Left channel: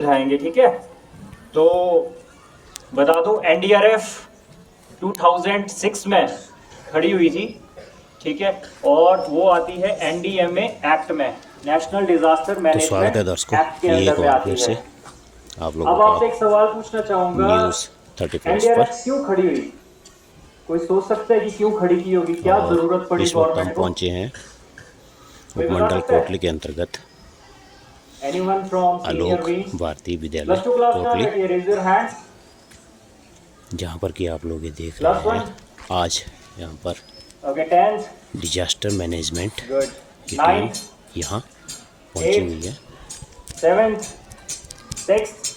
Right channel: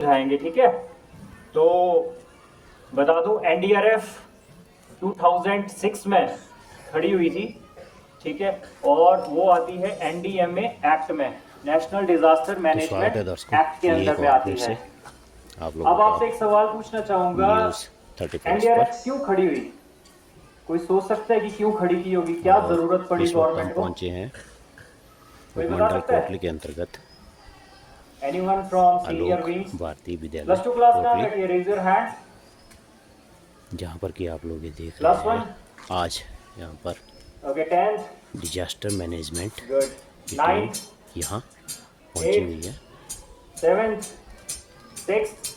दिखाएंगे, ठीक है। तो बता दूं एनडीआरएफ 2006 में खड़ी हुई थी, ठीक है, और वो आती है एनडीएमए एक्ट में, नेशनल डिजास्टर तो स्वागत है मैनेजमेंट दर्शकों, एक्ट के ये एक अंदर में बार आती फिर है। से आप लोगों अब आपसे का एक सवाल पूछना चाहूंगा, न्यूज़ 30+ पर। एनडीआरएफ क्यों खड़ी हुई? कोई सोच सकता है कि क्यों खड़ी की होगी, क्या और जरूरत पड़ी इस वक्त हम गवर्नमेंट को? पहुंचे हैं कोई बता उपमंडल सकता है? कोटली के अंतर्गत anyone from senior Alok wing? भारतीय विद्यालय प्लस टू क्लास कहाँ कोटली, बैठी है? Raise your hands. जहां पर कि आप लोग ये देख प्लस रहे हैं। वन। आज यहां पर okay, 10th। Disaster management good. की टीम 9th, यहां पहुंची 8th, हुई है। 7th, 6th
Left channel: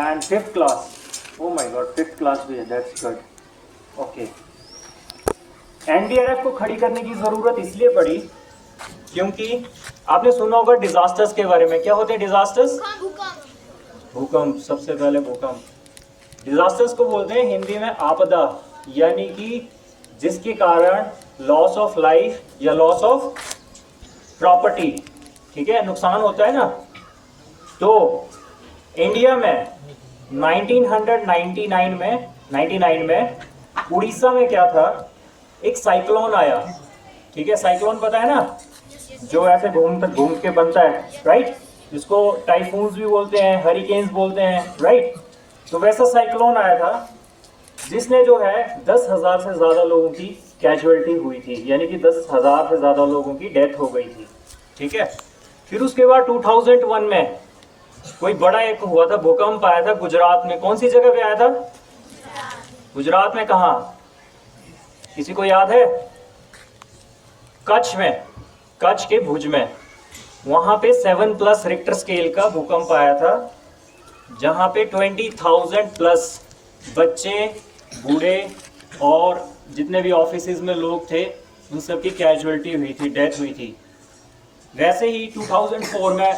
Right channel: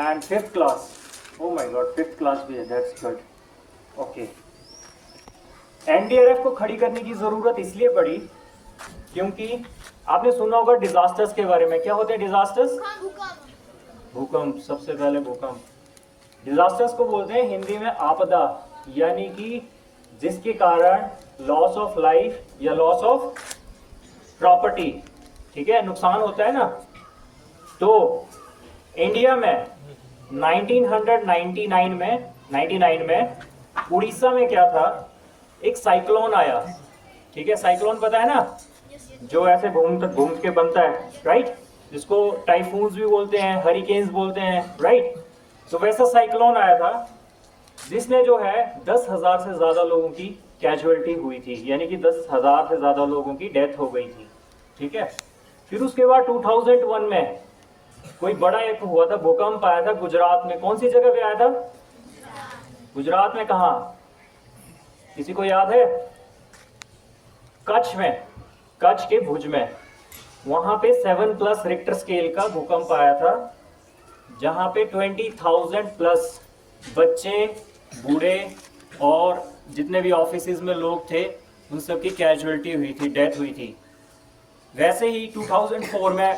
and 5th class. Oh my god, 5th class भी है, that's good. Okay. एनडीआरएफ को खड़ी करने की जरूरत इसलिए पड़ी क्योंकि आपने सुना होगा डिजास्टर्स के बारे में। क्या होते हैं डिजास्टर्स? भूकंप। सबसे पहले भूकंप। डिजास्टर्स को बोलते हैं हिंदी में आपदा, यानी कि जिसके कारण लॉस ऑफ लाइफ या लॉस ऑफ प्रॉपर्टी, ठीक है, नुकसान होता है ना। तो इंडिया में 1999 में उड़ीसा में क्या था, एक साइक्लोन आया, ठीक है। साइक्लोन पता है ना, जो ऐसे घूम के बनता है, राइट, जिसको टाइफून्स भी बोलते हैं, हरिकेन्स बोलते हैं, राइट। तो वैसा साइक्लोन आया था जिसने जो है 10,000 से ज्यादा लोगों की कैजुअलिटी हुई थी, यानी कि 10,000 से ज्यादा लोगों की डेथ हो गई थी, ठीक है। फिर उसके बाद 2001 में कोई बड़ा एक हुआ था, भूकंप आया था गुजरात में। कौन सी जगह पे आया था? गुजरात में। कहा? किसी को याद है? कच्छ में, कच्छ के भुज में। वहां पे 7+ रिक्टर स्केल का भूकंप आया था, जहां पे 20,000 प्लस बच्चे, बूढ़े और जितने भी ऑफिसेज में लोग थे उन सब की कैजुअलिटी हुई थी, डेथ हुई थी। वैसे ही 2004 में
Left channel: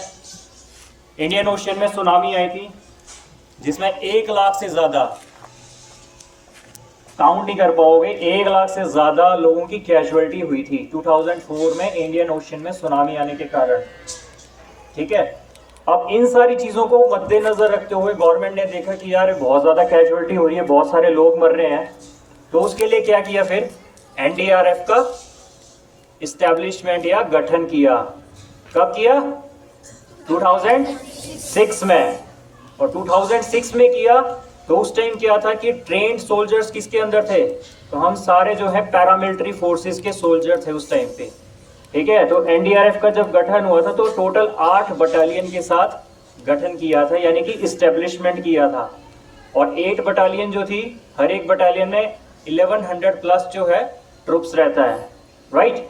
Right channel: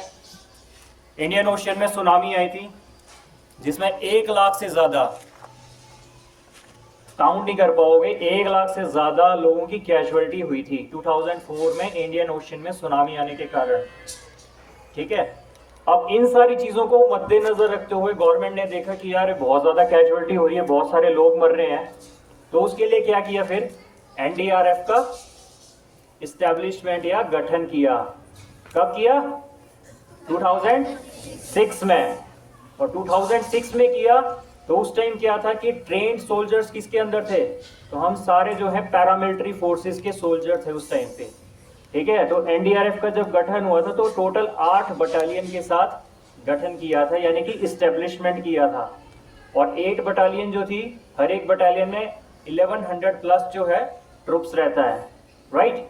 इंडियन ओशियन में सुनामी आई थी, जिसमें 1 लाख से ज्यादा, काउंट नहीं कर पाओगे, 1 लाख से ज्यादा लोगों की कैजुअलिटी हुई थी 2004 में इंडियन ओशियन में सुनामी आने के कारण, ठीक है। अब इन सारी चीजों को मद्देनजर रखते हुए गवर्नमेंट ने देखा कि यार बहुत ज्यादा कैजुअलिटी हो रही है, बहुत सारे लोग मर रहे हैं, तो उसके लिए क्या किया, फिर एनडीआरएफ का इस्टेब्लिशमेंट या गठन किया। कब किया? 2006 में। और 2006 में किया तो उस टाइम क्या था कि ट्रेन्ड सोल्जर्स किसके अंदर थे? तो हम सारे जो है पैरामिलिट्री फोर्सेस के सोल्जर थे उस टाइम पे, ठीक है। तो एनडीआरएफ का जब गठन हुआ था तो टोटल 8 बटालियन के साथ गठन किया था, यानी कि इस्टेब्लिशमेंट किया था। और 8 बटालियन जो थी, हर एक बटालियन में 1100 प्लस जो है ट्रुप्स रहता है, राइट।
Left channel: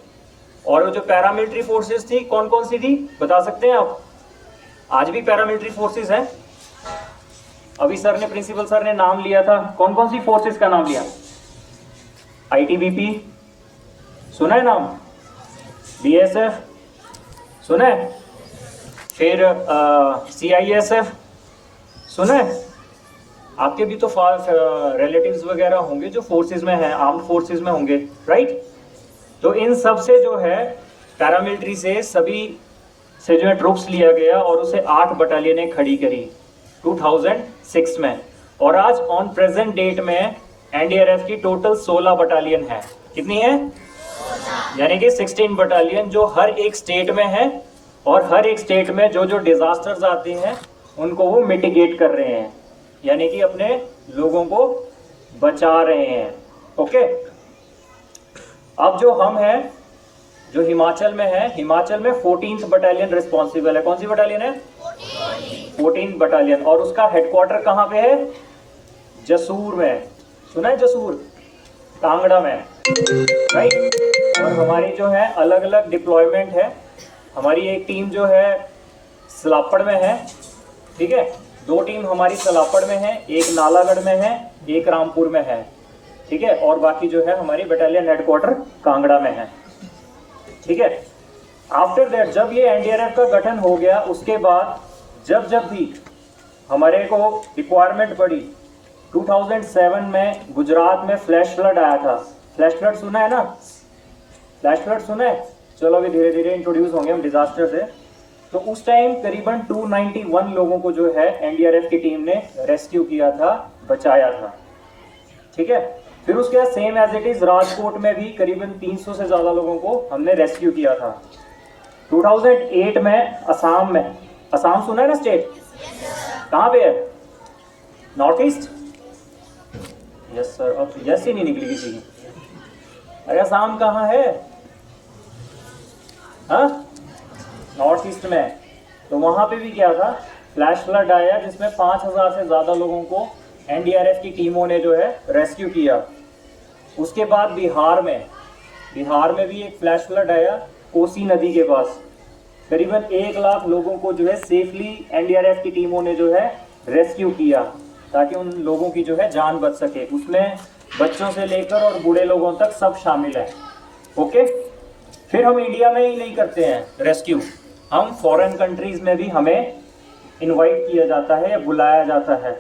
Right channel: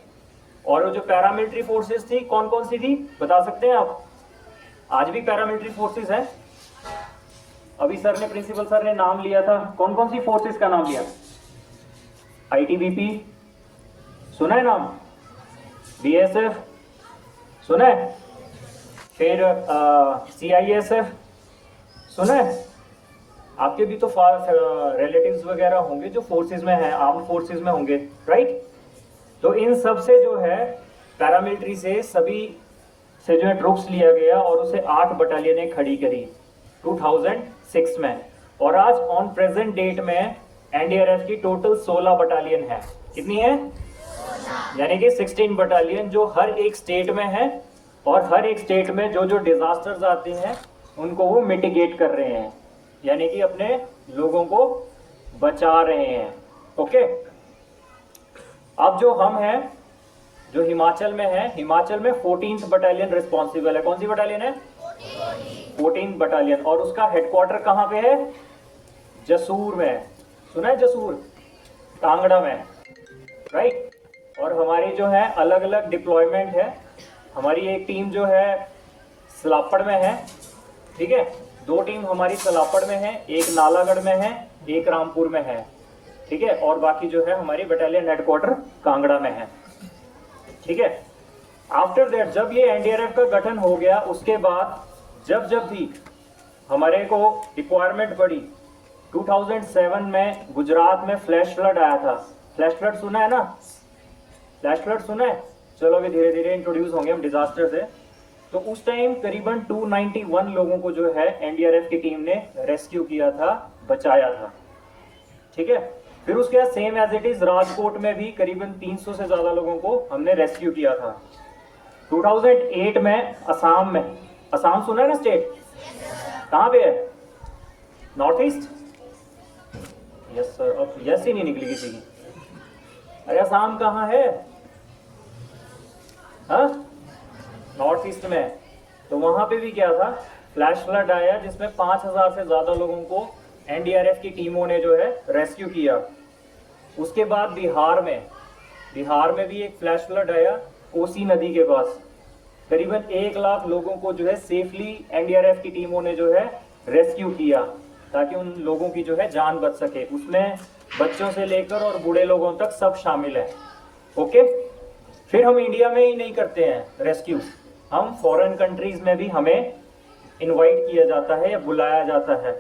और वो जो पैरामिलिट्री फोर्सेस थी, कौन कौन सी थी बता सकते हैं आप? आज भी पैरामिलिट्री फोर्सेस हैं। अभी सर ने, प्रिंसिपल सर ने नाम लिया था, कौन कौन सी फोर्सेस का नाम लिया? आईटीबीपी सुना है नाम? बीएसएफ सुना है? फिर सीआईएसएफ सुना है? आपके भी तो रिलेटिव्स वगैरह होंगे जो फोर्सेस में हैं, आर्म्ड फोर्सेस में होंगे, राइट। तो इन सब से जो है पैरामिलिट्री से सभी से जो है ट्रूप्स लिया गया और उसे 8 बटालियनें खड़ी करी 2006 में। और आज ऑन प्रेजेंट डेट में एनडीआरएफ की टोटल 16 बटालियन है। कितनी है? यानी कि 16 बटालियन जो हर एक स्टेट में है, और हर एक स्टेट में जो जो डिजास्टर्स आते हैं उनको वो मिटिगेट कर रहे हैं, यानी कि अपने लोगों को बचा रहे हैं, ओके। अब जो हम हैं, जो हिमाचल में है, हिमाचल में 14th बटालियन रिस्पॉन्सिबल है। कौन सी बटालियन है? 14th battalion. और उसका हेडक्वार्टर कहाँ पे है? जसूर में। सुना है जसूर? कांगड़ा में, राइट। और हमारी जो है अलग अलग डिप्लॉयमेंट है। हमारी एक टीम जो है सलापड़ में है, ठीक है। 2 टीम हमारी सलापड़ में है, एक नालागढ़ में है, एक रामपुर में है, ठीक है। और बाकी जो है हमारी बटालियन हेडक्वार्टर कांगड़ा में है, ठीक है। आफ्टर दैट जब ये एनडीआरएफ का गठन हो गया, उसके बाद जब जब भी हमारे को रिक्वायरमेंट पड़ी, 2007 में गुजरात में फ्लैश फ्लड आया था। फ्लैश फ्लड सुना है ना? फ्लैश फ्लड सुना है? चलो अभी धीरे धीरे इंट्रोड्यूस होंगे हम डिजास्टर से। तो उस टाइम करीबन 291 लोगों को जो है एनडीआरएफ की टीम ने रेस्क्यू किया था, बचाया था। ठीक है, फिर उसके बाद same as it is Rajkot में भी करीबन 300 से ज़्यादा लोगों को हमने रेस्क्यू किया था। 2008 में असम में, असम सुना है ना स्टेट, कहाँ पे है? North east. यस सर, अब यस ही नहीं निकली किसी की। अरे असम कहाँ है? हाँ, नॉर्थ ईस्ट में। तो वहाँ पे भी क्या था, फ्लैश फ्लड आया जिसमें 5000 से ज़्यादा लोगों को एनडीआरएफ की टीमों ने जो है रेस्क्यू किया। उसके बाद बिहार में भी एक फ्लैश फ्लड आया कोसी नदी के पास। करीबन 1 लाख लोगों को जो है सेफली एनडीआरएफ की टीमों ने जो है रेस्क्यू किया ताकि उन लोगों की जो है जान बच सके। उसमें बच्चों से लेकर और बूढ़े लोगों तक सब शामिल है। ओके, फिर हम इंडिया में ही नहीं करते हैं रेस्क्यू, हम फॉरेन कंट्रीज में भी हमें इनवाइट किया जाता है या बुलाया जाता है।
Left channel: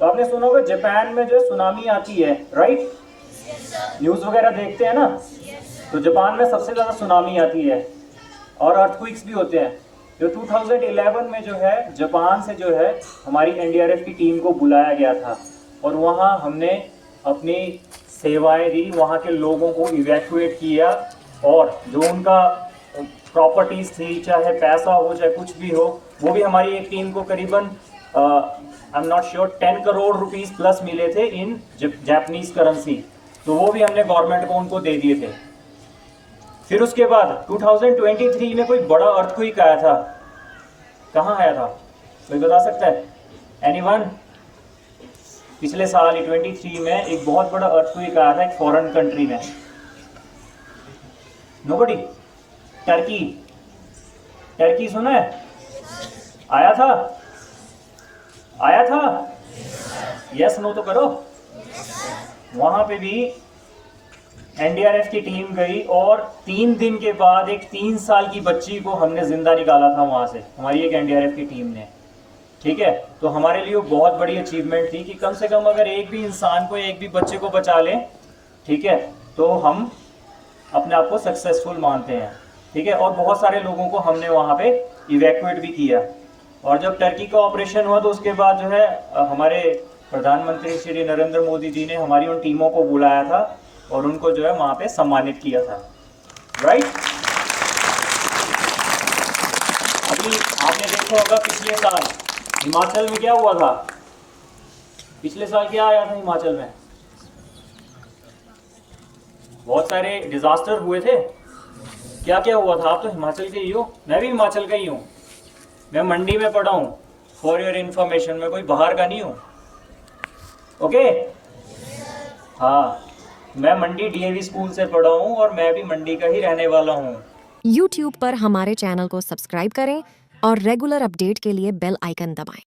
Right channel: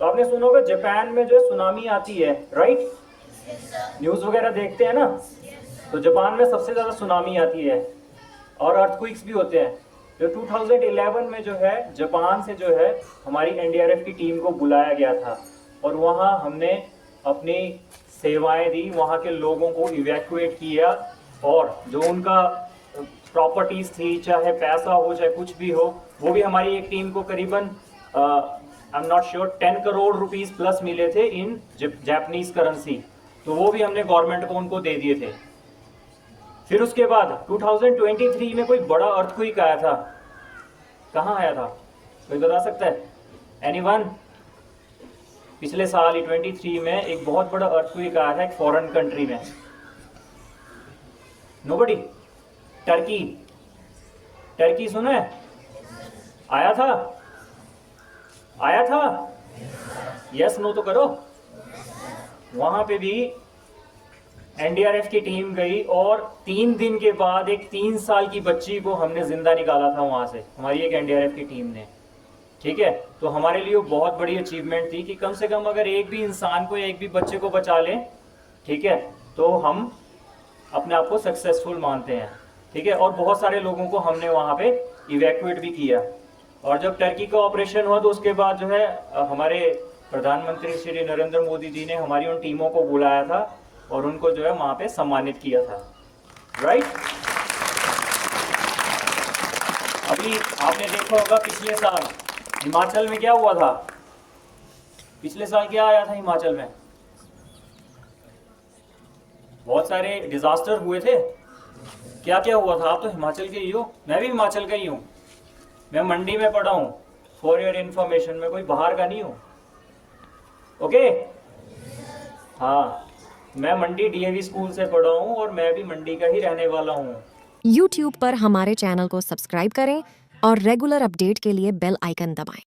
तो आपने सुना होगा जापान में जो है सुनामी आती है, राइट? न्यूज़ वगैरह देखते हैं ना, तो जापान में सबसे ज़्यादा सुनामी आती है और अर्थक्वेक्स भी होते हैं। जो 2011 में जो है जापान से जो है हमारी एनडीआरएफ की टीम को बुलाया गया था और वहाँ हमने अपनी सेवाएं दी, वहाँ के लोगों को इवैक्यूएट किया और जो उनका प्रॉपर्टीज थी, चाहे पैसा हो चाहे कुछ भी हो, वो भी हमारी एक टीम को करीबन I am not sure 10 crore rupees plus मिले थे इन जापानीज करेंसी। तो वो भी हमने गवर्नमेंट को उनको दे दिए थे। फिर उसके बाद 2023 में कोई बड़ा अर्थक्वेक आया था। कहाँ आया था, कोई बता सकता है? एनीवन? पिछले साल 23 में एक बहुत बड़ा अर्थक्वेक आया था एक फॉरेन कंट्री में। नोबडी? टर्की सुना है? आया था? यस नो तो करो। वहां पे भी एनडीआरएफ की टीम गई और 3 दिन के बाद एक 3 साल की बच्ची को हमने जिंदा निकाला था वहां से, हमारी एक एनडीआरएफ की टीम ने। ठीक है, तो हमारे लिए वो बहुत बड़ी अचीवमेंट थी कि कम से कम अगर एक भी इंसान को, एक भी बच्चे को बचा लें, ठीक है, तो हम अपने आप को सक्सेसफुल मानते हैं। ठीक है, और बहुत सारे लोगों को हमने वहाँ पे इवैक्यूएट भी किया। और जब टर्की का ऑपरेशन हुआ तो उसके बाद जो है हमारे प्रधानमंत्री श्री नरेंद्र मोदी जी ने हमारी उन टीमों को बुलाया था और उनको जो है वहाँ पे सम्मानित किया था, राइट? अभी आपने देखा होगा पिछले साल हिमाचल में क्या हुआ था। पिछले साल क्या आया था हिमाचल में? बहुत सारे डिजास्टर हुए थे। क्या क्या हुआ था? आप तो हिमाचल के ही हो, मैं भी हिमाचल का ही हूँ। मैं मंडी में पढ़ा हूँ, फॉर योर इन्फॉर्मेशन, मैं कोई बाहर का नहीं हूँ। ओके, हाँ, मैं मंडी डीएवी स्कूल से पढ़ा हूँ और मैं भी मंडी का ही रहने वाला हूँ। YouTube पर हमारे चैनल को सब्सक्राइब करें और रेगुलर अपडेट के लिए बेल आइकन दबाएं।